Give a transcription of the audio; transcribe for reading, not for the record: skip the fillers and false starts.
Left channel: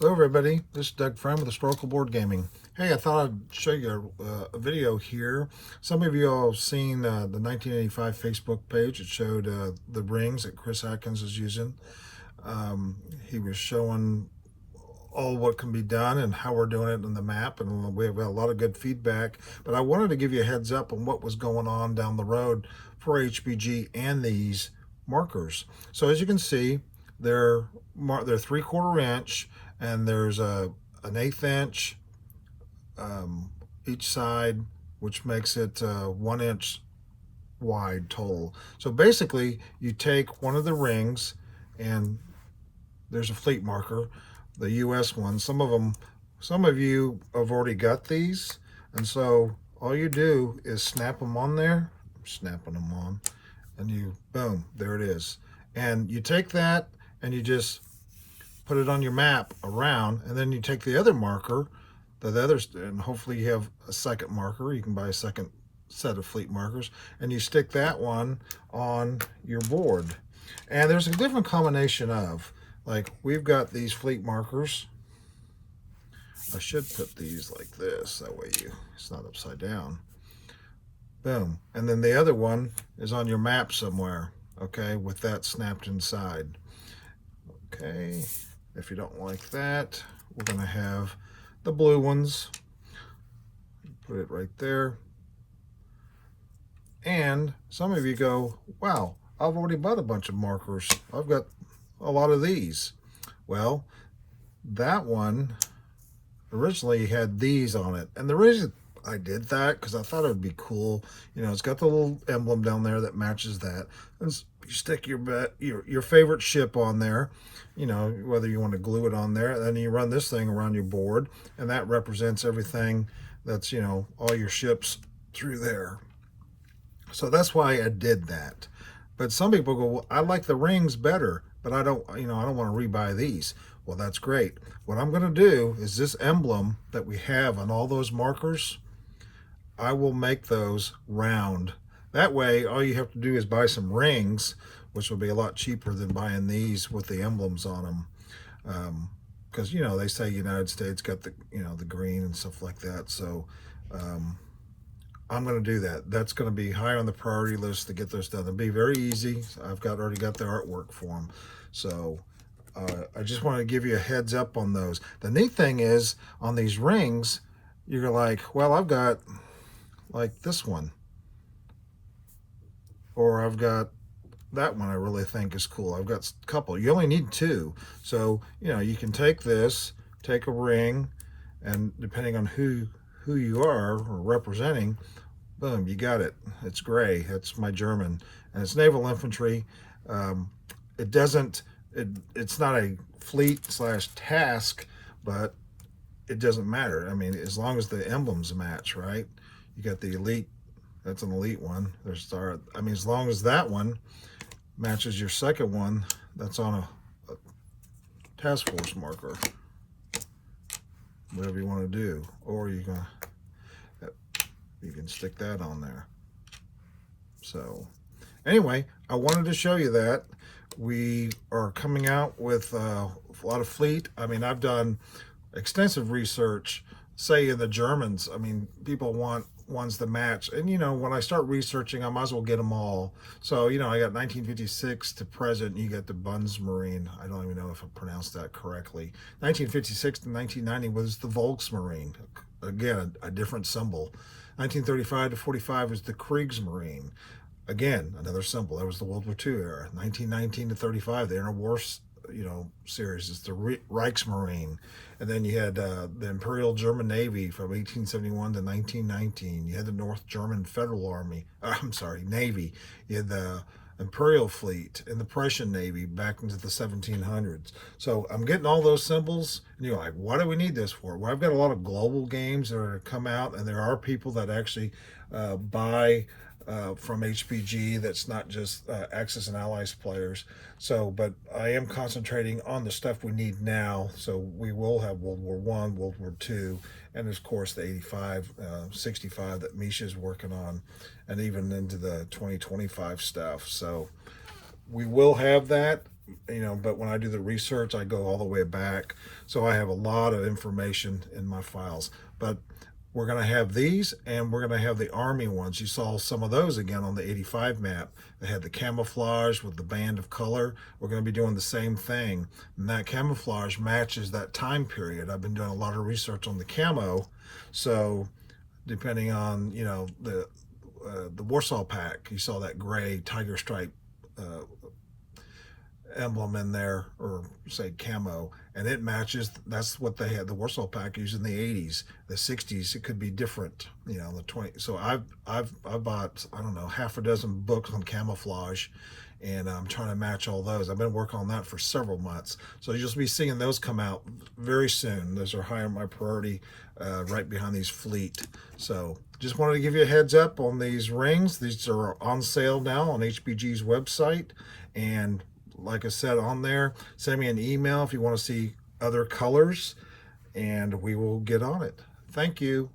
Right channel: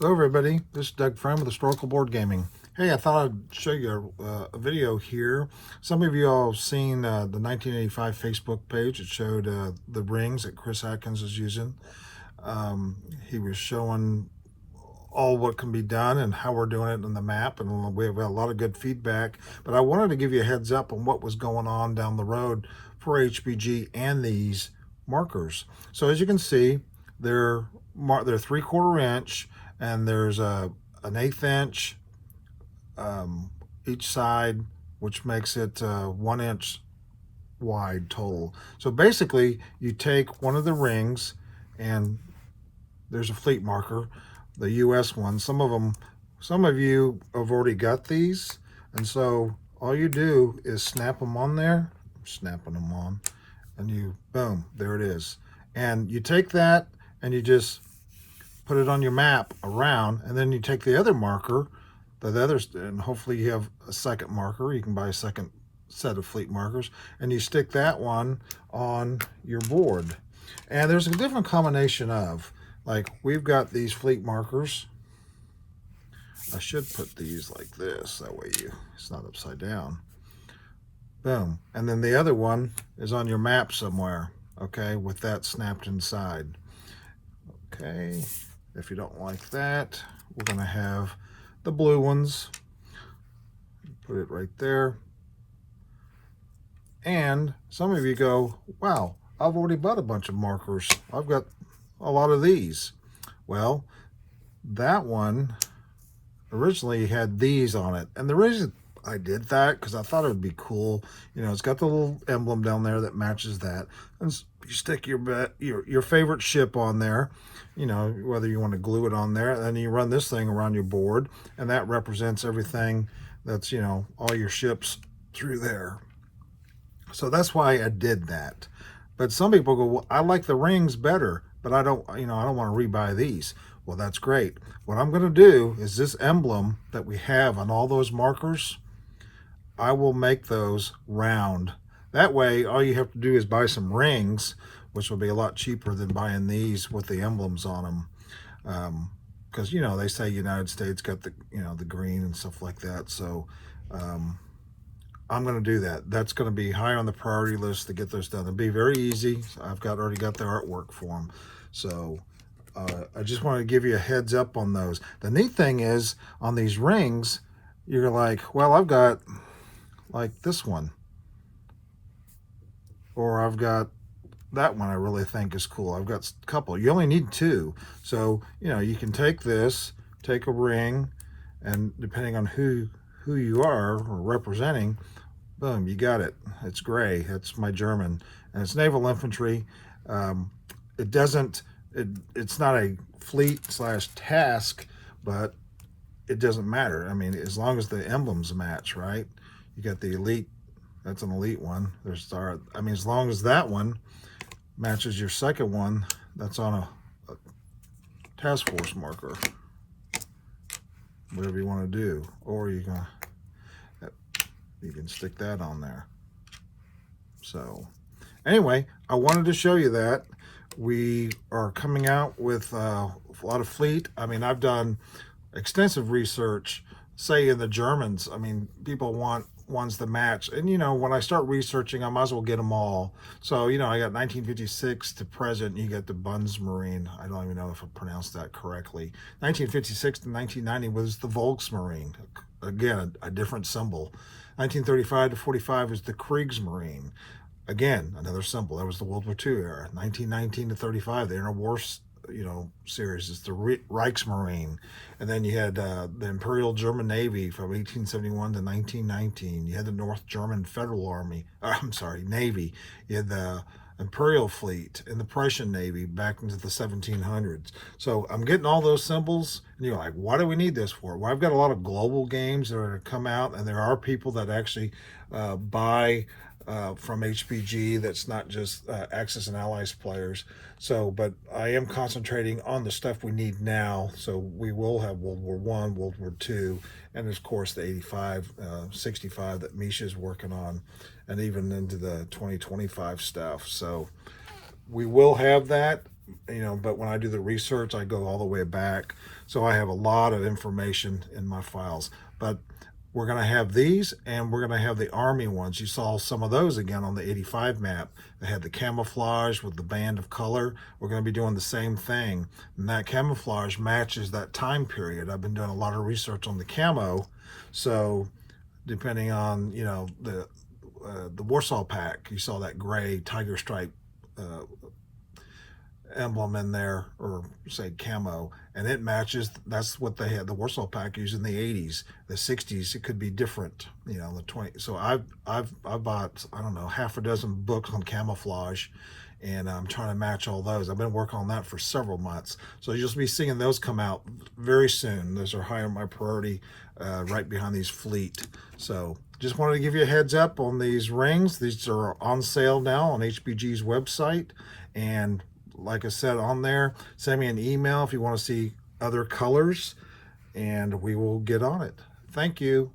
Hello everybody, this is Doug Frame with Historical Board Gaming. Hey, I thought I'd show you a video here. Some of you all have seen the 1985 Facebook page. It showed the rings that Chris Atkins is using. He was showing all what can be done and how we're doing it in the map, and we have got a lot of good feedback. But I wanted to give you a heads up on what was going on down the road for HBG and these markers. So as you can see, they're 3/4 inch, and there's an 1/8 inch each side, which makes it 1 inch wide total. So basically, you take one of the rings, and there's a fleet marker, the US one. Some of you have already got these, and so all you do is snap them on there. I'm snapping them on, and you, boom, there it is. And you take that and you just put it on your map around, and then you take the other marker, and hopefully you have a second marker. You can buy a second set of fleet markers, and you stick that one on your board. And there's a different combination of, like, we've got these fleet markers. I should put these like this, that way it's not upside down. Boom. And then the other one is on your map somewhere, okay, with that snapped inside. Okay, if you don't like that, we're going to have the blue ones. Put it right there. And some of you go, wow, I've already bought a bunch of markers. I've got a lot of these. Well, that one originally had these on it. And the reason I did that, because I thought it would be cool. You know, it's got the little emblem down there that matches that. And you stick your favorite ship on there, you know, whether you want to glue it on there, and then you run this thing around your board, and that represents everything that's, you know, all your ships through there. So that's why I did that. But some people go, well, I like the rings better, but I don't want to rebuy these. Well, that's great. What I'm going to do is this emblem that we have on all those markers, I will make those round. That way, all you have to do is buy some rings, which will be a lot cheaper than buying these with the emblems on them. Because, you know, they say United States got the, you know, the green and stuff like that. So I'm going to do that. That's going to be high on the priority list to get those done. It'll be very easy. I've already got the artwork for them. So I just want to give you a heads up on those. The neat thing is, on these rings, you're like, well, I've got like this one, or I've got that one I really think is cool. I've got a couple. You only need two. So, you know, you can take this, take a ring, and depending on who you are or representing, boom, you got it. It's gray. That's my German. And it's naval infantry. It's not a fleet/task, but it doesn't matter. I mean, as long as the emblems match, right? You got the elite, that's an elite one. As long as that one matches your second one, that's on a task force marker. Whatever you want to do. Or you can stick that on there. So anyway, I wanted to show you that. We are coming out with a lot of fleet. I mean, I've done extensive research, say in the Germans. I mean, people want ones to match. And, you know, when I start researching, I might as well get them all. So, you know, I got 1956 to present. You get the Bundesmarine. I don't even know if I pronounced that correctly. 1956 to 1990 was the Volksmarine. Again, a different symbol. 1935 to 45 is the Kriegsmarine. Again, another symbol. That was the World War II era. 1919 to 35, the interwar, you know, series is the Reichsmarine. And then you had the Imperial German Navy from 1871 to 1919. You had the North German Federal Army. Navy. You had the Imperial Fleet and the Prussian Navy back into the 1700s. So I'm getting all those symbols, and you're like, what do we need this for? Well, I've got a lot of global games that are going to come out, and there are people that actually buy from HBG. That's not just Axis and Allies players. So, but I am concentrating on the stuff we need now. So we will have World War I, World War II, and of course the 85, 65 that Misha's working on, and even into the 2025 stuff. So we will have that. but when I do the research, I go all the way back. So I have a lot of information in my files. But we're going to have these, and we're going to have the Army ones. You saw some of those again on the 85 map. They had the camouflage with the band of color. We're going to be doing the same thing. And that camouflage matches that time period. I've been doing a lot of research on the camo. So depending on, the Warsaw Pack, you saw that gray tiger stripe emblem in there, or say camo, and it matches. That's what they had the Warsaw Pack used in the 80s. The 60s it could be different, the 20. So I've bought, I don't know, half a dozen books on camouflage, and I'm trying to match all those. I've been working on that for several months, so you'll be seeing those come out very soon. Those are high on my priority, right behind these fleet. So just wanted to give you a heads up on these rings. These are on sale now on HBG's website, and like I said on there, send me an email if you want to see other colors, and we will get on it. Thank you.